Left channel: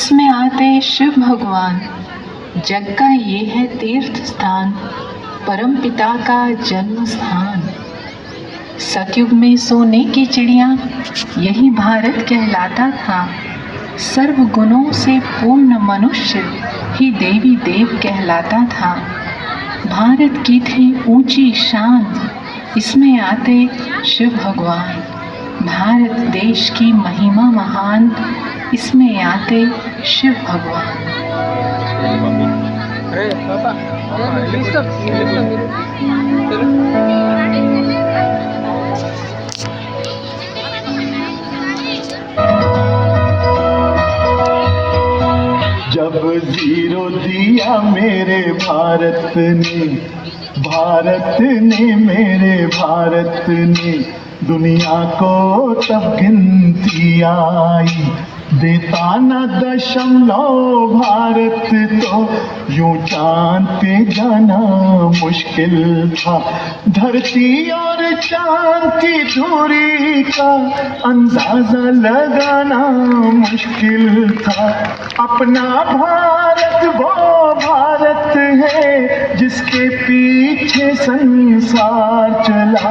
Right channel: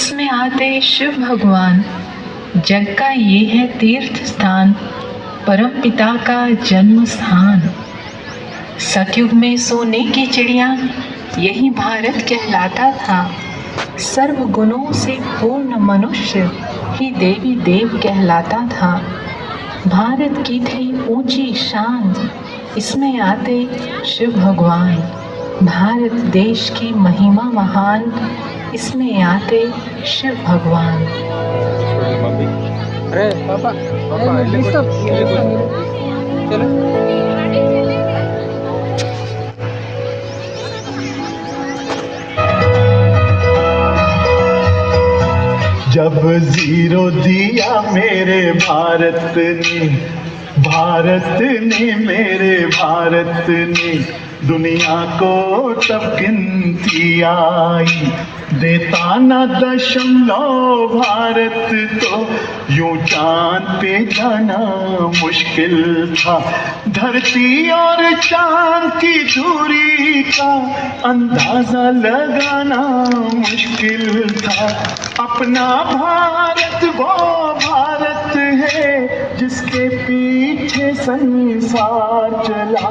इसमें आते शिव भगवान। जग का ये है तीर्थ स्थान, परम पिता का जन्म स्थान। सतयुग में सोने की चिड़िया यही भारत कहलाता था। सर्व गुणों से पूर्ण मनुष्य ही देवी देव कहलाता था। भारत की थी ऊंची शान, इसमें आते शिव भगवान। भारत देश की महिमा महान, इसमें आते शिव भगवान। अरे पापा चलो। जब जीरो दिया मेरे भारत ने मेरे भारत ने, दुनिया को तब गिनती आई। देता न दशमलव भारत तो यूं चांद पे जाना मुश्किल था। धरती और चांद की दूरी का अंदाजा लगाना मुश्किल था। अपना भारत वो भारत है जिसके पीछे संसार चला।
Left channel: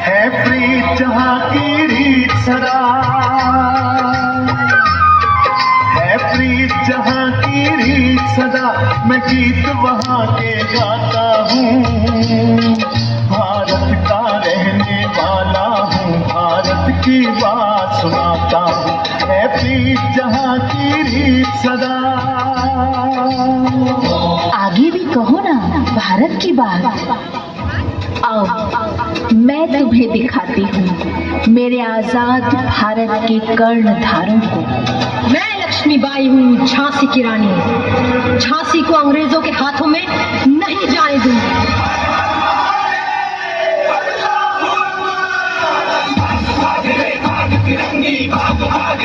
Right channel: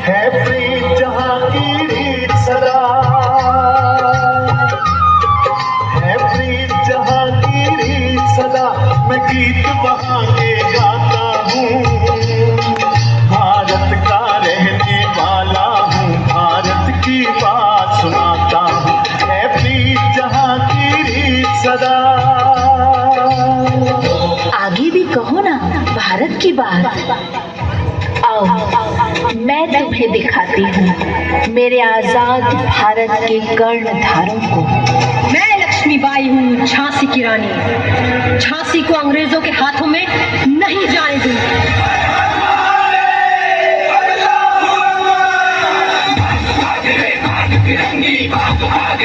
है प्रीत जहाँ की रीत सदा, है प्रीत जहाँ की रीत सदा। मैं गीत वहाँ के गाता हूँ, भारत का रहने वाला हूँ, भारत की बात सुनाता हूँ। है प्रीत जहाँ की रीत सदा। आगे भी कहो ना भारत की बात। आओ मैं तुम्हें दिखाती हूँ मेरे आजाद भारत के कर्णधारों को। मैं लक्ष्मीबाई हूँ, झांसी की रानी। झांसी को अंग्रेजों के हाथों में नहीं जाने दूंगी। भाग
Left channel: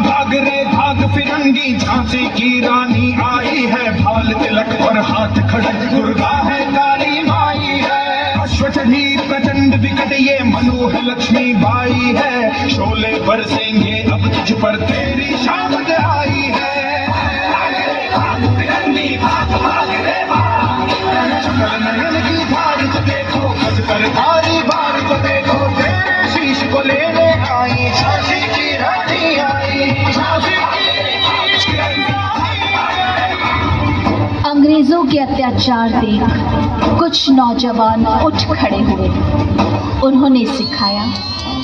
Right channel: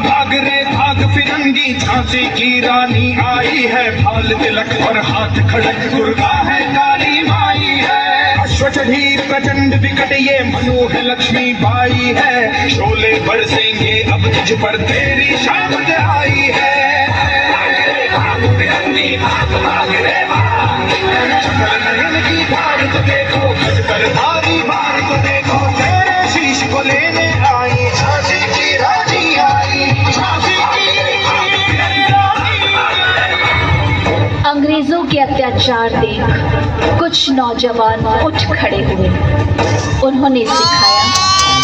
भाग रे भाग फिरंगी, झांसी की रानी आई है। भाल तिलक और हाथ खड़क दुर्गा है, काली माई है। अश्व चढ़ी प्रचंड विकट ये मनु है, लक्ष्मीबाई है। शोले बरसेंगे अब तुझ पर, तेरी शामत आई है। भाग फिरंगी भाग भाग रे भाग, चमर नयन की भारत देखो, गज पर भारी भारत देखो। तेरे शीश को लेने आई झांसी की रानी आई, झांसी की। अंग्रेजों के अत्याचार देख कुछ नौजवान उठ खड़े हुए। उन्होंने सिखाया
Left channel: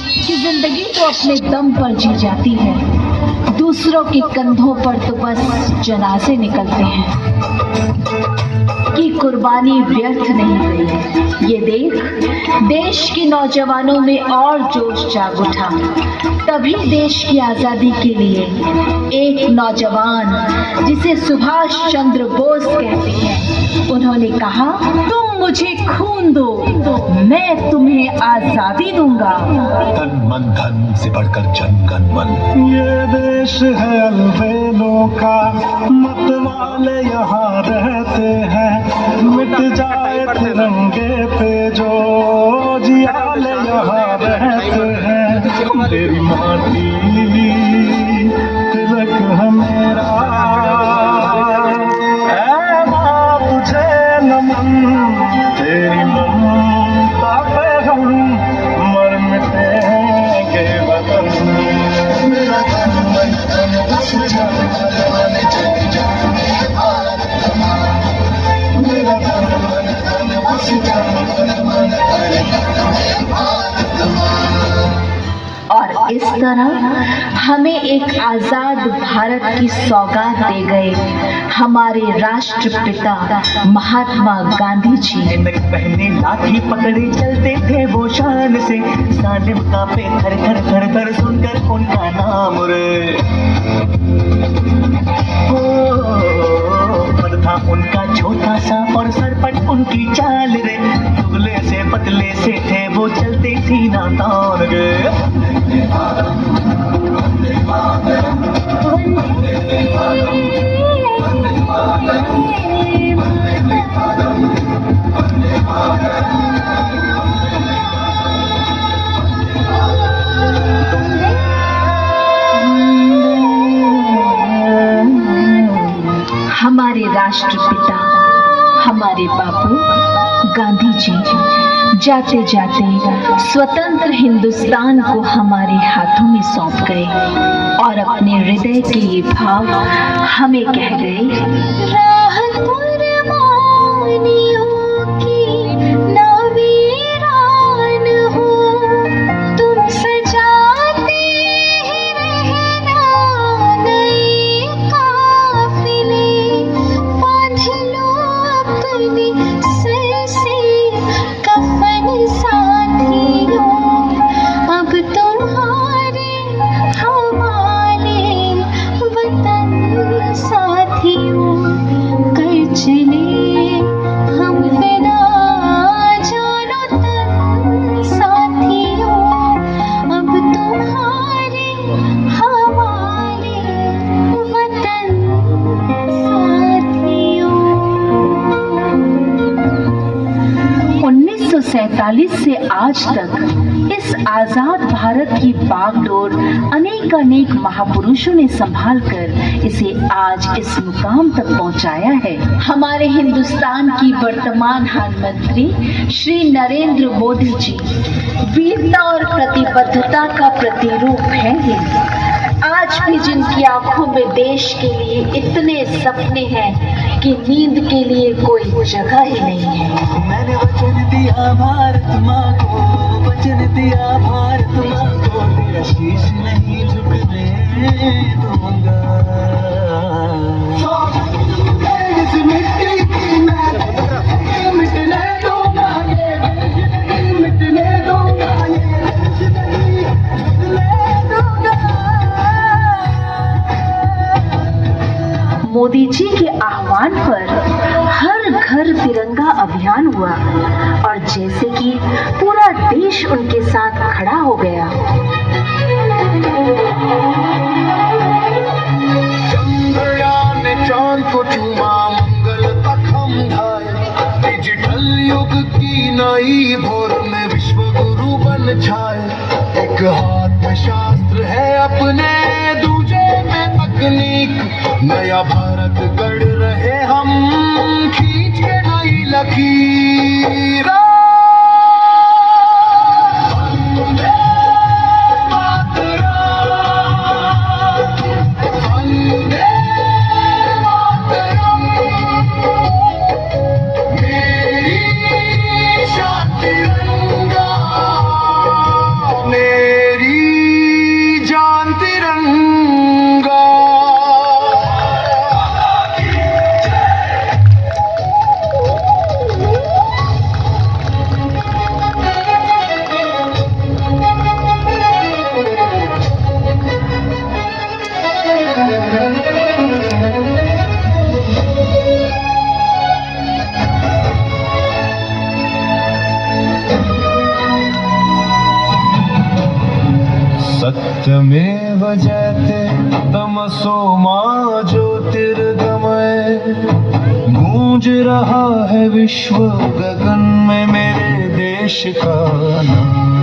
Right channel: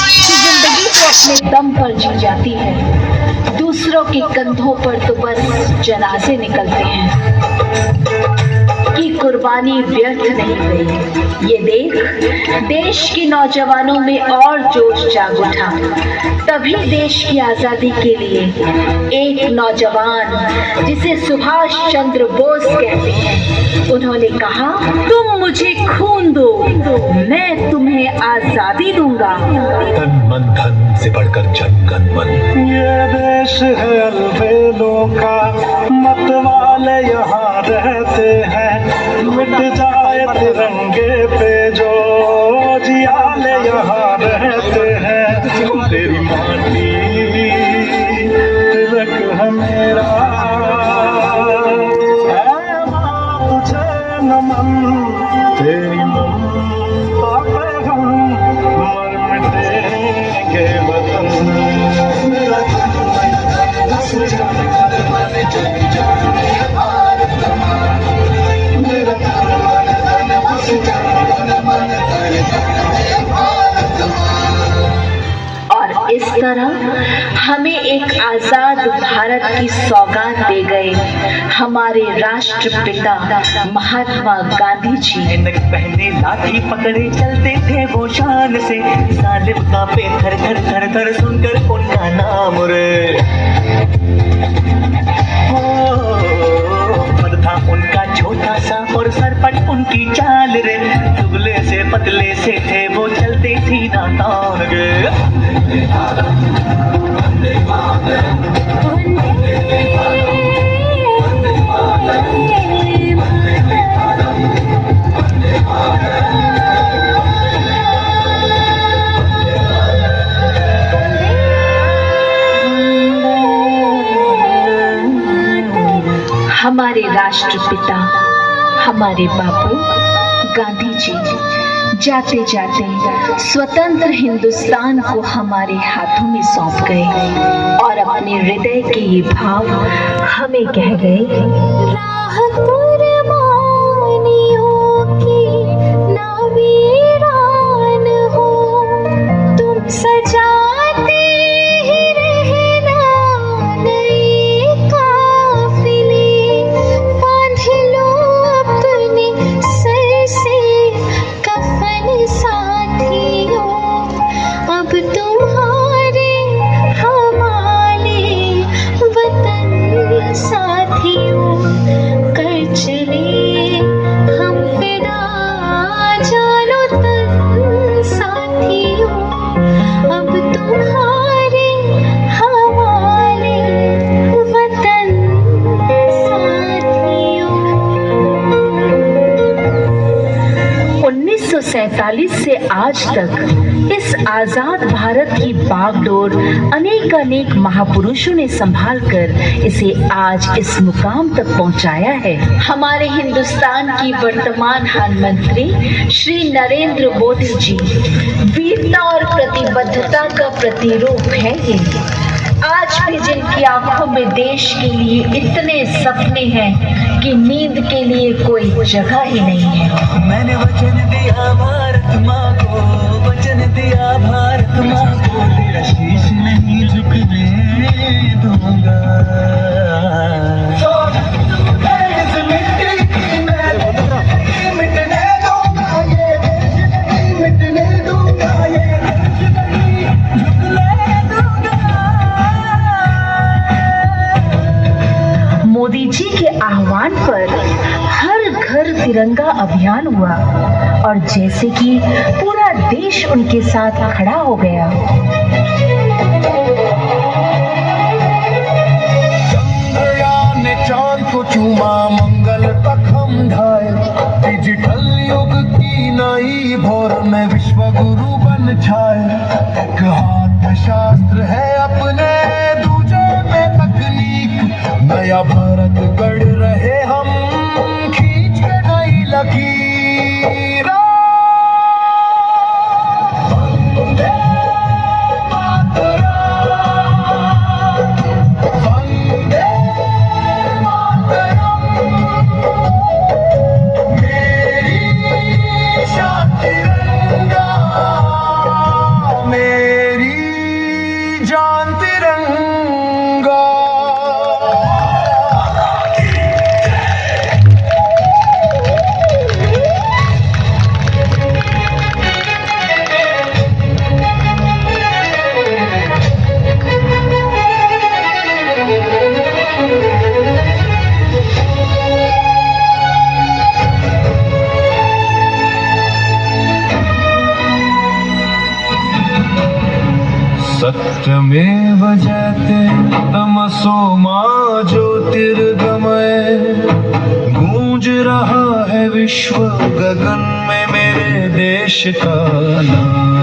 कि जिंदगी तो अपने दम पर जी जाती है, दूसरों के कंधों पर तो बस जनाजे निकलते हैं। कि कुर्बानी व्यर्थ नहीं गई। ये देख देश के नौजवानों में और जोश जाग उठा। तभी देश की आजादी के लिए एक नौजवान जिसे सुभाष चंद्र बोस कहते हैं, उन्होंने कहा तुम मुझे खून दो, मैं तुम्हें आजादी दूंगा। तन मन धन से बढ़कर जन गण मन। ये देश है अलबेलों का, मत वाले यहाँ रहते हैं। मिट जाए तिरंगे पे जो जियाले यहाँ रहते हैं। तेरी माटी तिलक है मेरा, ऐ माँ तुझे नमन। तेरी ममता पे हम मर मिटेंगे वतन। मेरा तन मन धन से और इस तरह हमें एक आजाद भारत की सौगात दे गए हमारे राष्ट्रपिता महात्मा गांधी जी। पहने लाठी पकड़े चलते थे वो शान से, जालिम कांपे थर थर थर थर सुनकर उनका नाम रे। पद था उनका छोटा सा और सरपट उनकी चाल रे। दुबले से पतले से थे वो, चलते सीना तान गे। राष्ट्रपिता हमारे बापू गांधी जी जाते जाते स्वतंत्र हिंदुस्तान को हमारे हाथों में सौंप गए और अपने हृदय के ये भाव हमें कह गए, राह कुर्बानियों की ना वीरान हो, तुम सजाते ही रहना नए काफिले, बांध लो अपने सर से कफन साथियों, अब तुम्हारे हवाले वतन साथियों, कर चले हम फिदा जानो तन साथियों, अब तुम्हारे हवाले वतन साथियों। 1947 से आज तक इस आजाद भारत की बागडोर अनेक महापुरुषों ने संभाल कर इसे आज इस मुकाम तक पहुंचाया है। हमारे हिंदुस्तान की वर्तमान प्रधानमंत्री श्री नरेंद्र मोदी जी वीरता और प्रतिबद्धता का प्रतिरूप है ये। आज भी जिनकी आंखों में देश के लिए इतने सपने हैं कि नींद के लिए कोई जगह ही नहीं है। मैंने वचन दिया भारत माँ को, वचन दिया भारत माँ को, तेरा शीश नहीं झुकने दूंगा। इस मिट्टी की मैं मिटने दूंगा, ये मिटने दूंगा, ये नहीं झुकने दूंगा। मोदी जी के आह्वान पर हर घर तिरंगा अभियान हुआ और जैसे कि पूरा देश उनके साथ खड़ा हो गया। चंद्रयान ने चांद को चूमा, मंगल तक हम धाए, डिजिटल युग की नई भोर में विश्व गुरु बन छाए। एक हाथ में शास्त्र है अपने, दूजे में तकनीक, नया भारत गढ़ रहे हम, खींच के नई लकीर। वंदे मातरम, वंदे मातरम, मेरी शान तिरंगा, मेरी जान तिरंगा। सत्यमेव जयते तमसो मा ज्योतिर्गमय, गूंज रहा है विश्व गगन में मेरे देश का नाम।